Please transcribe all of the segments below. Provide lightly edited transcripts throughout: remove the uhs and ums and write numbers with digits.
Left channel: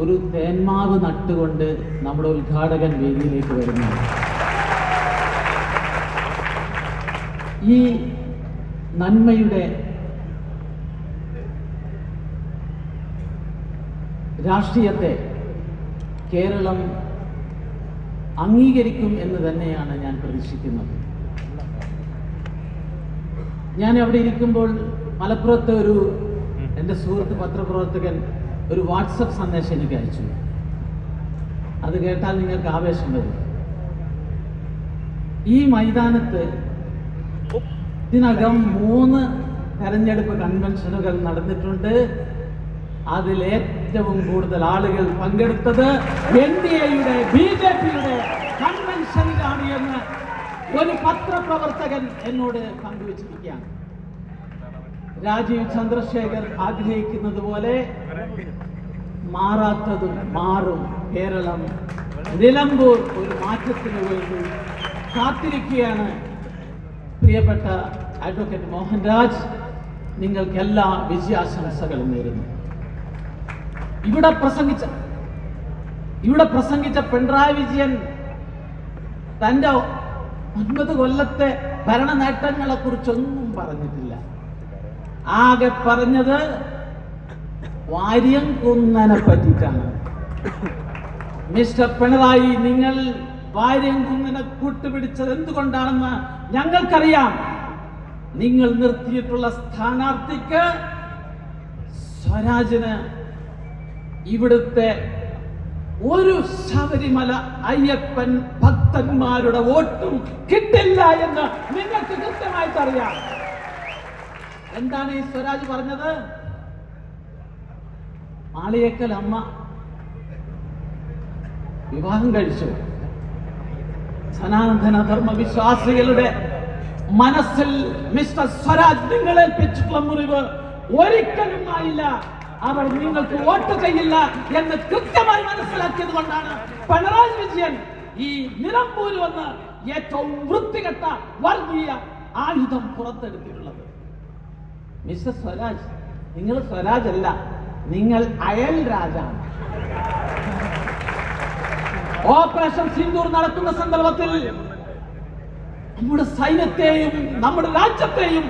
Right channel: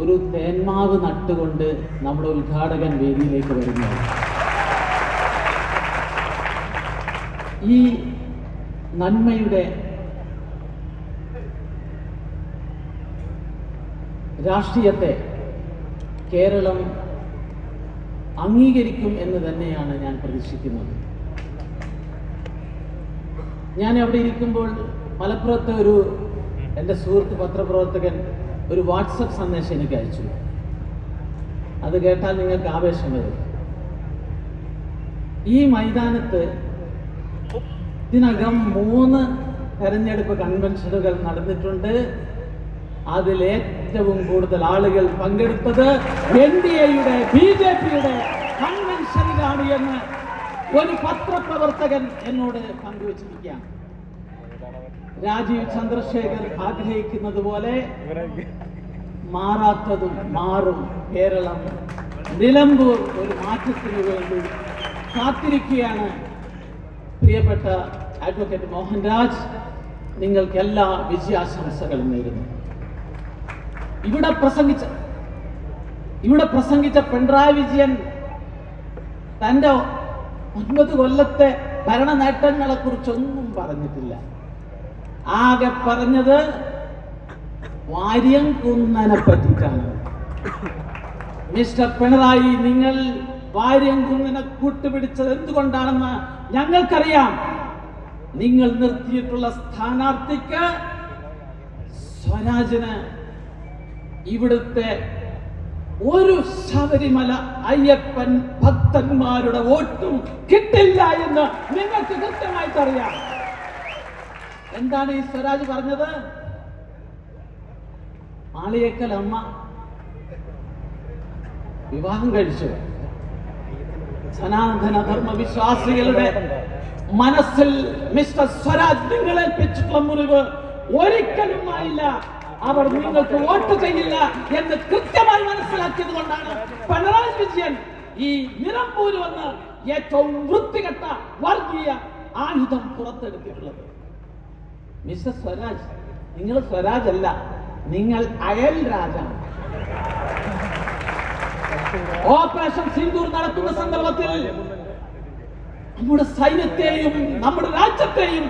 ഒരു തേന്മാവ് നട്ടുകൊണ്ട് നമ്മുടെ ഉദ്ഘാടകൻ വേദിയിലേക്ക് വരുന്നു. ഈ നന്മയുടെ രാഷ്ട്രീയത്തെ കേരളം അംഗീകരിക്കും എന്ന് തന്നെയാണ് ഞാൻ പ്രതീക്ഷിക്കുന്നത്. ഞാൻ അവിടെ ഇരിക്കുമ്പോൾ മലപ്പുറത്തെ എൻ്റെ സുഹൃത്ത് പത്രപ്രവർത്തകൻ ഒരു വാട്സപ്പ് സന്ദേശം എനിക്ക് അയച്ചു. അത് കേട്ടാൽ നിങ്ങൾക്ക് ആവേശം വരും. ഈ മൈതാനത്ത് ഇതിനകം 3 തെരഞ്ഞെടുപ്പ് കൺവെൻഷനുകൾ നടന്നിട്ടുണ്ട്. അതിലേറ്റവും കൂടുതൽ ആളുകൾ പങ്കെടുത്തത് NDAയുടെ BJPയുടെ കൺവെൻഷനിലാണ് എന്ന് ഒരു പത്രപ്രവർത്തകൻ എന്നോട് പങ്കുവച്ചിരിക്കുകയാണ്. രാജീവ് ചന്ദ്രശേഖർ ആഗ്രഹിക്കുന്നത് പോലെ മാറാത്തതും മാറും. കേരളം നിലമ്പൂർ ഒരു മാറ്റത്തിന് വേണ്ടി കാത്തിരിക്കുകയാണ്. പ്രിയപ്പെട്ട അഡ്വക്കേറ്റ് മോഹൻരാജ്, നിങ്ങൾക്ക് എല്ലാ വിജയാശംസകളും നേരുന്നു. ഇവിടെ പ്രസംഗിച്ച പിണറായി വിജയൻ തന്റെ 9 കൊല്ലത്തെ ഭരണ നേട്ടങ്ങളെ കുറിച്ചൊന്നും പറഞ്ഞിട്ടില്ല. ആകെ പറഞ്ഞത് വാര്യംകുന്നനെ പറ്റിയിട്ടാണ്. മിസ്റ്റർ പിണറായി, നിങ്ങൾ വാര്യംകുന്നനെ കൂട്ടുപിടിച്ചത് എന്തുകൊണ്ടാണെന്ന് ഞങ്ങൾക്കറിയാം. നിങ്ങൾ നിർത്തിയിട്ടുള്ള സ്ഥാനാർത്ഥിക്ക് സ്വരാജിന് ഇവിടുത്തെ ഒരു ശബരിമല അയ്യപ്പൻ ഭക്തന്മാരുടെ വോട്ടും കിട്ടില്ല എന്ന് നിങ്ങൾക്ക് കൃത്യമായിട്ട് അറിയാം. എന്താണ് ഈ സ്വരാജ് പറഞ്ഞത്? മാളിയേക്കൽ അമ്മ വിവാഹം കഴിച്ചു. സനാതന ധർമ്മ വിശ്വാസികളുടെ മനസ്സിൽ മിസ്റ്റർ സ്വരാജ് നിങ്ങളേൽപ്പിച്ചിട്ടുള്ള മുറിവ് ഒരിക്കലും ആയില്ല. അവർ നിങ്ങൾക്ക് വോട്ട് ചെയ്യില്ല എന്ന് കൃത്യമായി മനസ്സിലാക്കിയത് കൊണ്ടാണ് പിണറായി വിജയൻ ഈ നിലമ്പൂര് വന്ന് ഏറ്റവും വൃത്തികെട്ട വർഗീയ ആയുധം പുറത്തെടുത്തിട്ടുള്ളത്. മിസ്റ്റർ സ്വരാജ്, നിങ്ങൾ സ്വരാജ് അല്ല, നിങ്ങൾ അയൽ രാജാണ്. ഓപ്പറേഷൻ സിന്ദൂർ നടക്കുന്ന സന്ദർഭത്തിൽ നമ്മുടെ സൈന്യത്തെയും നമ്മുടെ രാജ്യത്തെയും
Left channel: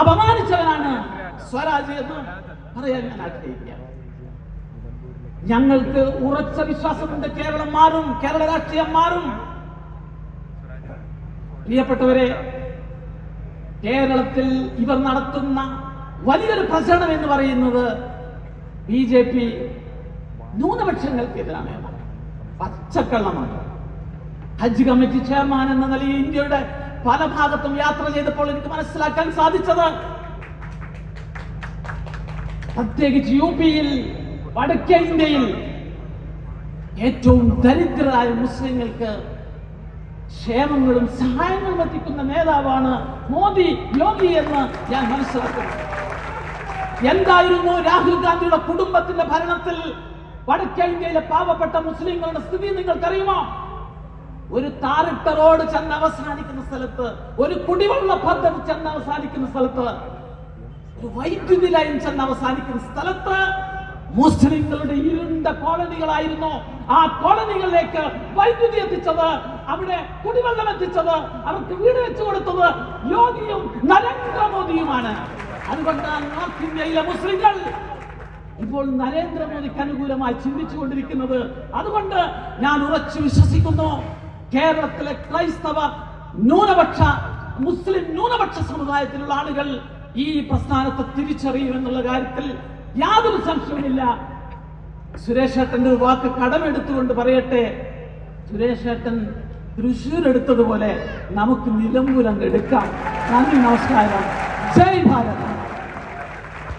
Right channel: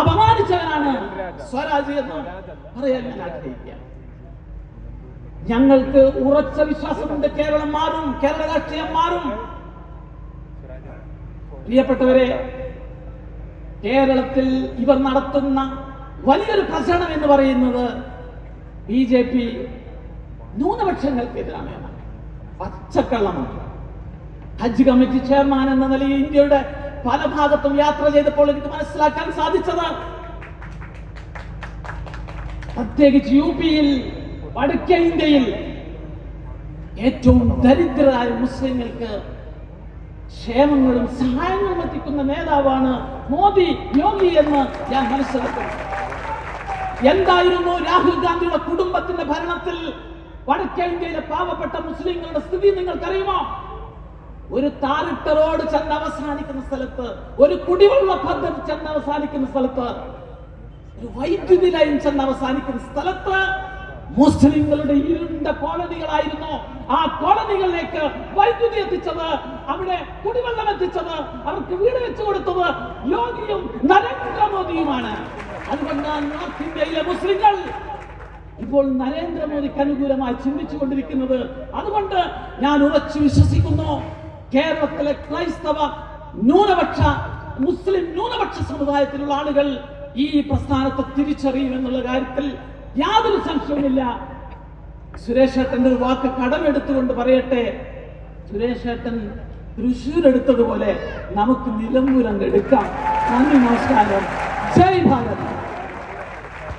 അപമാനിച്ചവനാണ് സ്വരാജ് എന്ന് പറയാൻ ഞാൻ ആഗ്രഹിക്കാം. ഞങ്ങൾക്ക് ഉറച്ച വിശ്വാസമുണ്ട്, കേരളം മാറും, കേരള രാഷ്ട്രീയം മാറും. പ്രിയപ്പെട്ടവരെ, കേരളത്തിൽ ഇവർ നടത്തുന്ന വലിയൊരു പ്രചരണം എന്ന് പറയുന്നത് BJP ന്യൂനപക്ഷങ്ങൾക്കെതിരാണ്. പച്ചക്കള്ളമാണ്. ഹജ്ജ് കമ്മിറ്റി ചെയർമാൻ എന്ന നിലയിൽ ഇന്ത്യയുടെ പല ഭാഗത്തും യാത്ര ചെയ്തപ്പോൾ എനിക്ക് മനസ്സിലാക്കാൻ സാധിച്ചത്, പ്രത്യേകിച്ച് UPയിൽ, വടക്കേ ഇന്ത്യയിൽ ഏറ്റവും ദരിദ്രരായ മുസ്ലിങ്ങൾക്ക് ക്ഷേമങ്ങളും സഹായങ്ങളും എത്തിക്കുന്ന നേതാവാണ് മോദി, യോഗി എന്ന് ഞാൻ മനസ്സിലാക്കുന്നു. എന്തായിരുന്നു രാഹുൽ ഗാന്ധിയുടെ കുടുംബത്തിന്റെ ഭരണത്തിൽ വടക്കേ ഇന്ത്യയിലെ പാവപ്പെട്ട മുസ്ലിങ്ങളുടെ സ്ഥിതി നിങ്ങൾക്കറിയുമോ? ഒരു താറിട്ട റോഡ് ചെന്ന് അവസാനിക്കുന്ന സ്ഥലത്ത്, ഒരു കുടിവെള്ള പദ്ധതി ചെന്ന് അവസാനിക്കുന്ന സ്ഥലത്ത്, ഒരു വൈദ്യുതി ലൈൻ ചെന്ന് അവസാനിക്കുന്ന സ്ഥലത്ത് മുസ്ലിങ്ങളുടെ ഇരുണ്ട കോളനികളായിരുന്നു. ആ കോളനികളിലേക്ക് വൈദ്യുതി എത്തിച്ചത്, അവിടെ കുടിവെള്ളം എത്തിച്ചത്, അവർക്ക് വീട് വെച്ചു കൊടുത്തത് യോഗിയും നരേന്ദ്രമോദിയുമാണ്. അതുകൊണ്ടാണ് നോർത്ത് ഇന്ത്യയിലെ മുസ്ലിങ്ങൾ ഇപ്പോൾ നരേന്ദ്രമോദിക്ക് അനുകൂലമായി ചിന്തിച്ചുകൊണ്ടിരിക്കുന്നത്. അതുകൊണ്ട് ഞാൻ ഉറച്ചു വിശ്വസിക്കുന്നു, കേരളത്തിലെ ക്രൈസ്തവ ന്യൂനപക്ഷ മുസ്ലിം ന്യൂനപക്ഷ സമുദായത്തിലുള്ള ആളുകൾ ഈ പ്രസ്ഥാനത്തെ തിരിച്ചറിയുമെന്നുള്ള കാര്യത്തിൽ യാതൊരു സംശയവുമില്ല. സുരേഷ് ഏട്ടന്റെ ഒരു വാക്ക് കടമെടുത്തുകൊണ്ട് പറയട്ടെ, സുരേഷ് ഏട്ടൻ തൃശ്ശൂർ എടുത്തതുപോലെ നമുക്ക് നിലമ്പൂർ അങ്ങ് എടുക്കാം. നന്ദി, നമസ്കാരം, ജയ് ഭാരത്.